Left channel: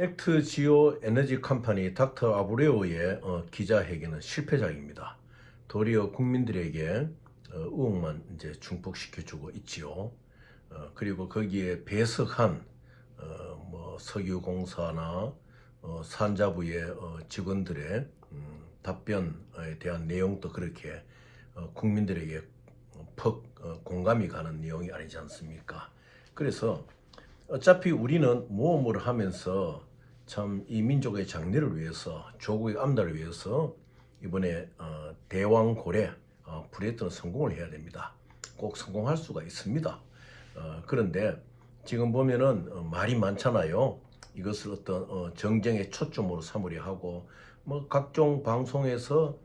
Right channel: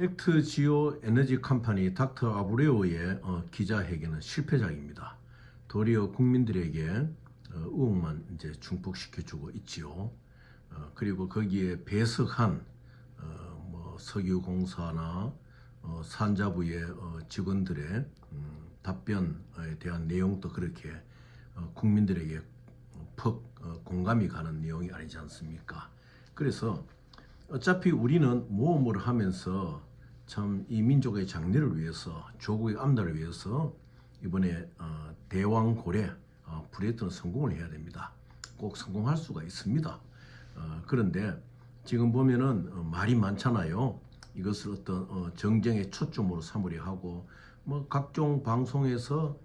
액트 지오 에너지 컴퍼니 닥터 아브레오의 기자회견은 실패작입니다. 도리어 국민들에게 의혹만 이제 증폭시켜주고 있지요. 그리고 거기에 배석한 석유공사나 산자부의 직원들의 답변에 대한 내용도 그렇게 국민들에게 퍽 공감이 가는 내용이 아니지 않습니까? 그래서 어차피 우리는 모험을 하면서 참 이 민족의 장래를 위해서 조국의 암달을 위해서 이번에 대왕고래 프로젝트는 성공을 해야 됩니다. 꼭 성공할 수가 있습니다. 그런데 지금 보면은 말이 많잖아요. 이것을 어떤 정쟁의 초점으로 삼으려 하고 각종 방송에서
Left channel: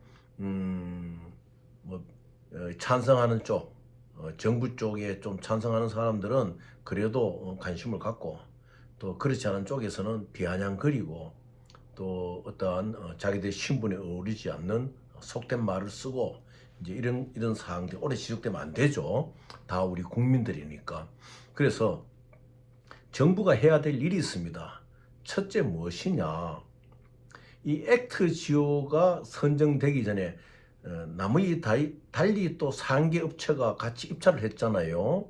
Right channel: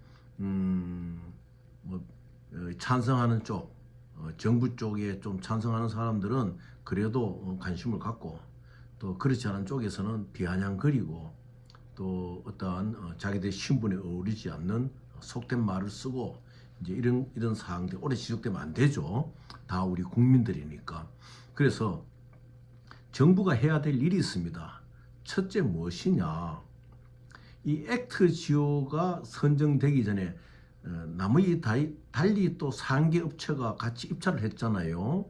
찬성하는 쪽 정부 쪽에 좀 찬성하는 사람들은 그래도 관심을 갖고 또 그렇지 않은 쪽에서는 비아냥거리고 또 어떠한 자기들 신분에 어울리지 않는 속된 말을 쓰고 이제 이런 사항들이 오래 지속되면 안 되죠. 다 우리 국민들이니까. 그래서 정부가 해야 될 일이 있습니다. 첫째 무엇이냐? 이 액트 지오가 선정되기 전에 나머지 달리 또 3개 업체가 같이 입찰을 했잖아요.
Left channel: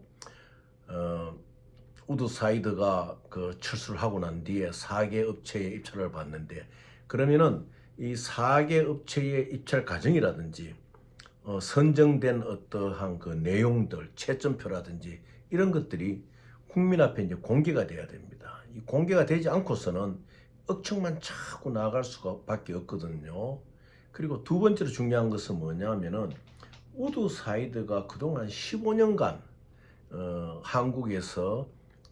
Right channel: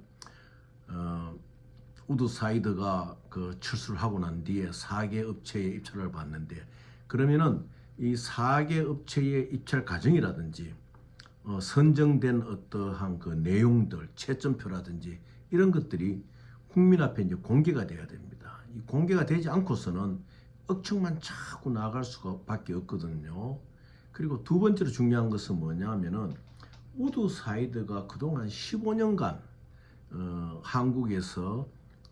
우드사이드가 그 철수를 하고 난 뒤에 4개 업체의 입찰을 받는데, 그러면은 이 4개 업체의 입찰 과정이라든지 선정된 어떠한 그 내용들, 채점표라든지 이런 것들이 국민 앞에 이제 공개가 돼야 됩니다. 이 공개가 되지 않고서는 억측만 자꾸 나갈 수밖에 없거든요. 그리고 두 번째로 중요한 것은 뭐냐면은 우드사이드가 그동안 15년간 한국에서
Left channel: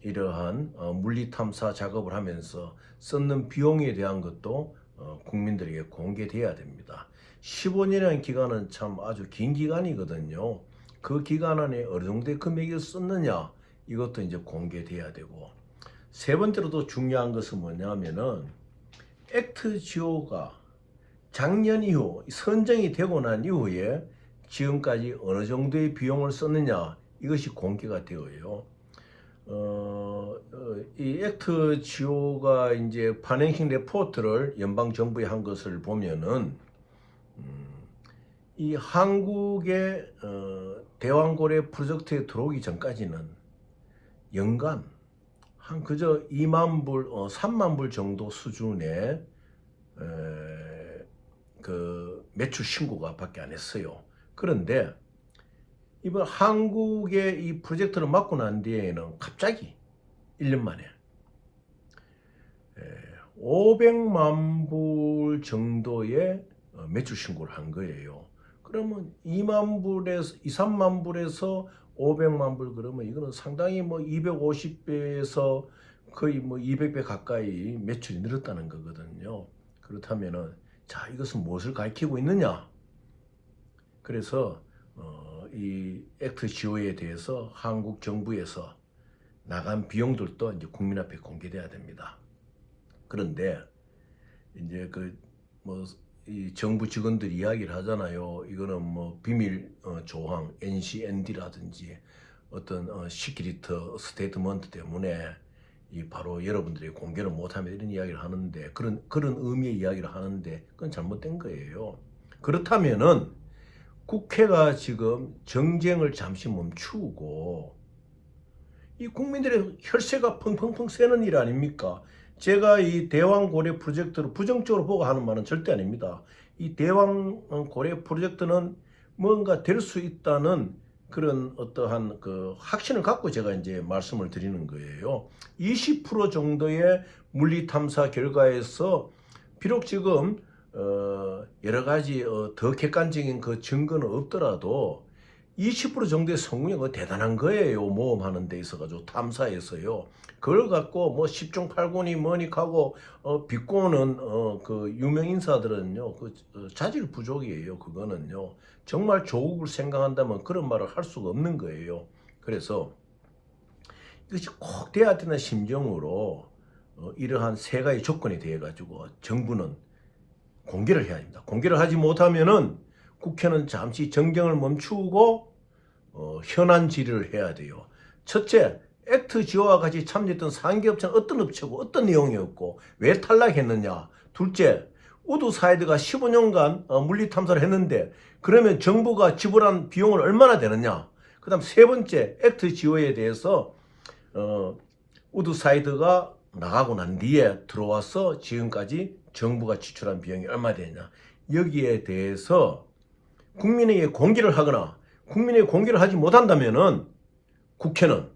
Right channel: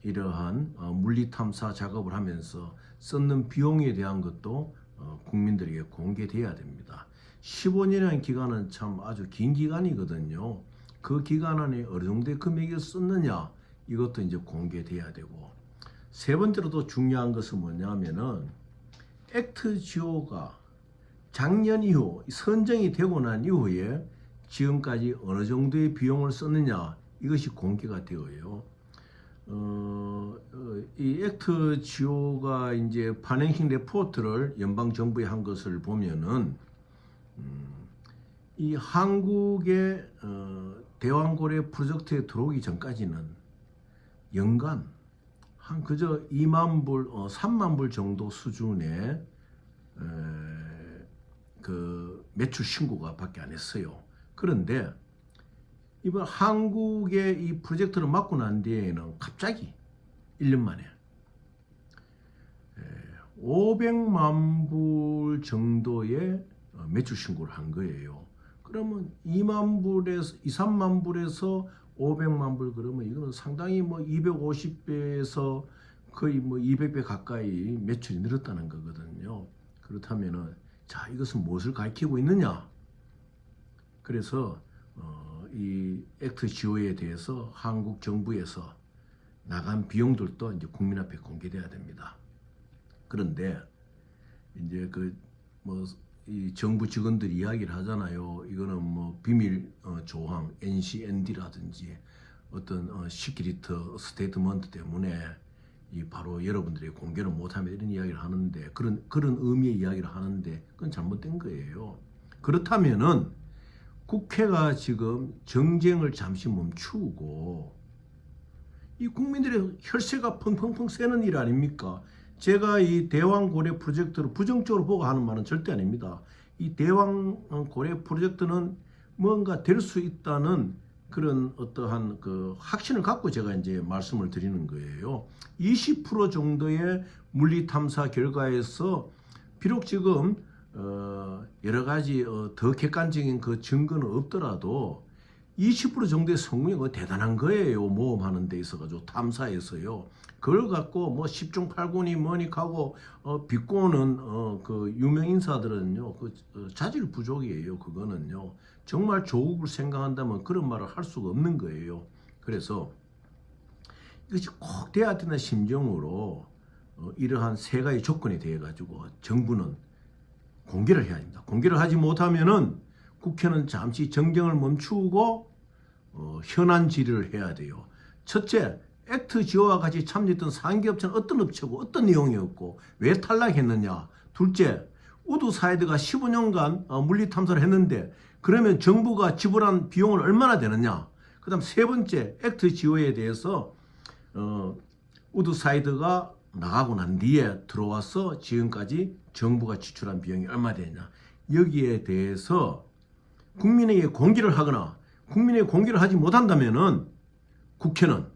이러한 물리탐사 작업을 하면서 썼는 비용에 대한 것도 국민들에게 공개돼야 됩니다. 15년이라는 기간은 참 아주 긴 기간이거든요. 그 기간 안에 어느 정도의 금액을 썼느냐, 이것도 이제 공개돼야 되고, 세 번째로도 중요한 것은 뭐냐면은 액트 지오가 작년 이후 선정이 되고 난 이후에 지금까지 어느 정도의 비용을 썼느냐, 이것이 공개가 되어요. 이 액트 지오가 이제 파이낸싱 레포트를 연방 정부에 한 것을 보면은 이 한국의 대왕고래 프로젝트에 들어오기 전까지는 연간 한 그저 2만 불, 3만 불 정도 수준의 그 매출 신고가 밖에 안 했어요. 그런데 이번 한국의 이 프로젝트를 맡고 난 뒤에는 갑자기 1년 만에 500만 불 정도의 매출 신고를 한 거예요. 그러면 2만 불에서 2, 3만 불에서 500만 불, 그러면 이거는 상당히 250배에서 거의 200배 가까이 매출이 늘었다는 거거든요. 그렇다면은 자, 이것은 무엇을 가리키고 있느냐? 그래서 이 액트 지오에 대해서 한국 정부에서 나간 비용들도 이제 국민 앞에 공개돼야 됩니다. 그런데 이제 이 정부 직원들이 이야기를 하잖아요. 이거는 비밀 조항, NCND라든지 어떤 시크릿 스테이트먼트 때문에 이 바로 여러분들이 공개를 못하면 이런 이야기를 하는데, 그런 의미의 이야기를 하는데 그건 잘못된 거예요. 그렇다면은 국회가 지금 정쟁을 잠시 멈추고 이 국민들의 혈세가 펑펑펑 새는 일 아닙니까? 제가 이 대왕고래 프로젝트를 부정적으로 보고 하는 말은 절대 아닙니다. 이 대왕고래 프로젝트는 뭔가 될 수 있다는 그런 어떠한 그 확신을 갖고 제가 이제 말씀을 드리는 거예요. 20% 정도의 물리탐사 결과에서 비록 지금 여러 가지 더 객관적인 그 증거는 없더라도 20% 정도의 성공이 대단한 거예요. 모험하는 데 있어가지고 탐사에서요. 그걸 갖고 10중 8구니 뭐니 하고 비꼬는 그 유명 인사들은요, 그 자질 부족이에요. 그거는요. 정말 조국을 생각한다면 그런 말을 할 수가 없는 거예요. 그래서 이것이 꼭 돼야 되는 심정으로 이러한 세 가지 조건이 되어 가지고 정부는 공개를 해야 됩니다. 공개를 하지 못하면은 국회는 잠시 정쟁을 멈추고 현안 질의를 해야 돼요. 첫째, 액트 지오와 같이 참여했던 상계업체는 어떤 업체고 어떤 내용이었고 왜 탈락했느냐. 둘째, 우드사이드가 15년간 물리 탐사를 했는데 그러면 정부가 지불한 비용은 얼마나 되느냐. 그 다음 세 번째, 액트 지오에 대해서 우드사이드가 나가고 난 뒤에 들어와서 지금까지 정부가 지출한 비용이 얼마 되냐. 여기에 대해서 국민에게 공개를 하거나 국민에게 공개를 하지 못한다면은 국회는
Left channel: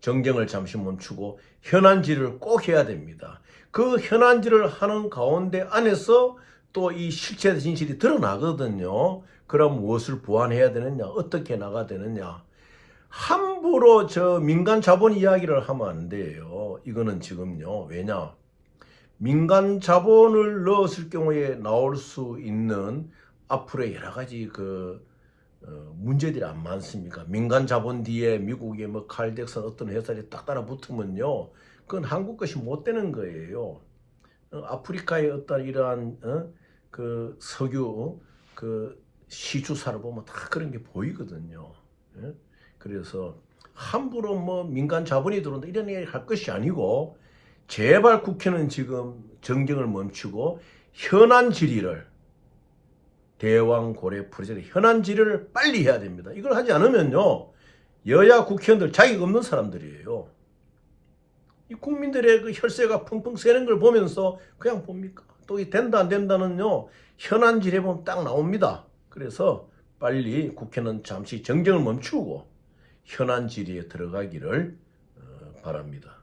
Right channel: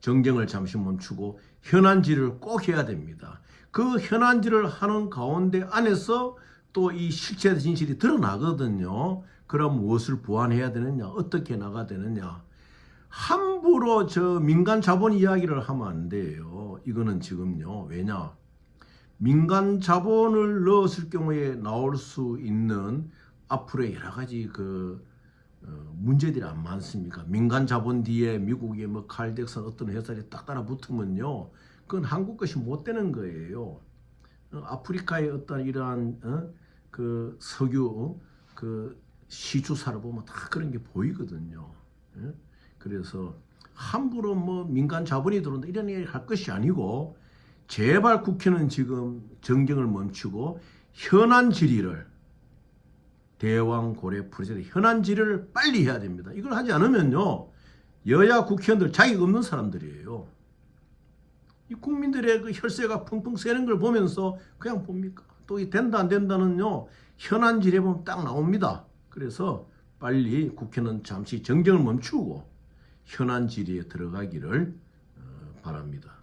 정쟁을 잠시 멈추고 현안질을 꼭 해야 됩니다. 그 현안질을 하는 가운데 안에서 또 이 실체 진실이 드러나거든요. 그럼 무엇을 보완해야 되느냐, 어떻게 나가야 되느냐. 함부로 저 민간 자본 이야기를 하면 안 돼요. 이거는 지금요. 왜냐? 민간 자본을 넣었을 경우에 나올 수 있는 앞으로의 여러 가지 문제들이 안 많습니까? 민간 자본 뒤에 미국의 뭐 칼덱슨 어떤 회사들이 딱 따라 붙으면요, 그건 한국 것이 못 되는 거예요. 아프리카의 어떤 이러한 그 석유 시주사를 보면 다 그런 게 보이거든요. 예? 그래서 함부로 뭐 민간 자본이 들어온다 이런 얘기 할 것이 아니고 제발 국회는 지금 정쟁을 멈추고 현안 질의를 대왕 고래 프로젝트 현안 질의를 빨리 해야 됩니다. 이걸 하지 않으면요 여야 국회의원들 자격 없는 사람들이에요. 이 국민들의 그 혈세가 펑펑 새는 걸 보면서 그냥 봅니까? 또 이 된다 안 된다는요 현안 질의에 보면 딱 나옵니다. 그래서 빨리 국회는 잠시 정쟁을 멈추고 현안 질의에 들어가기를 바랍니다.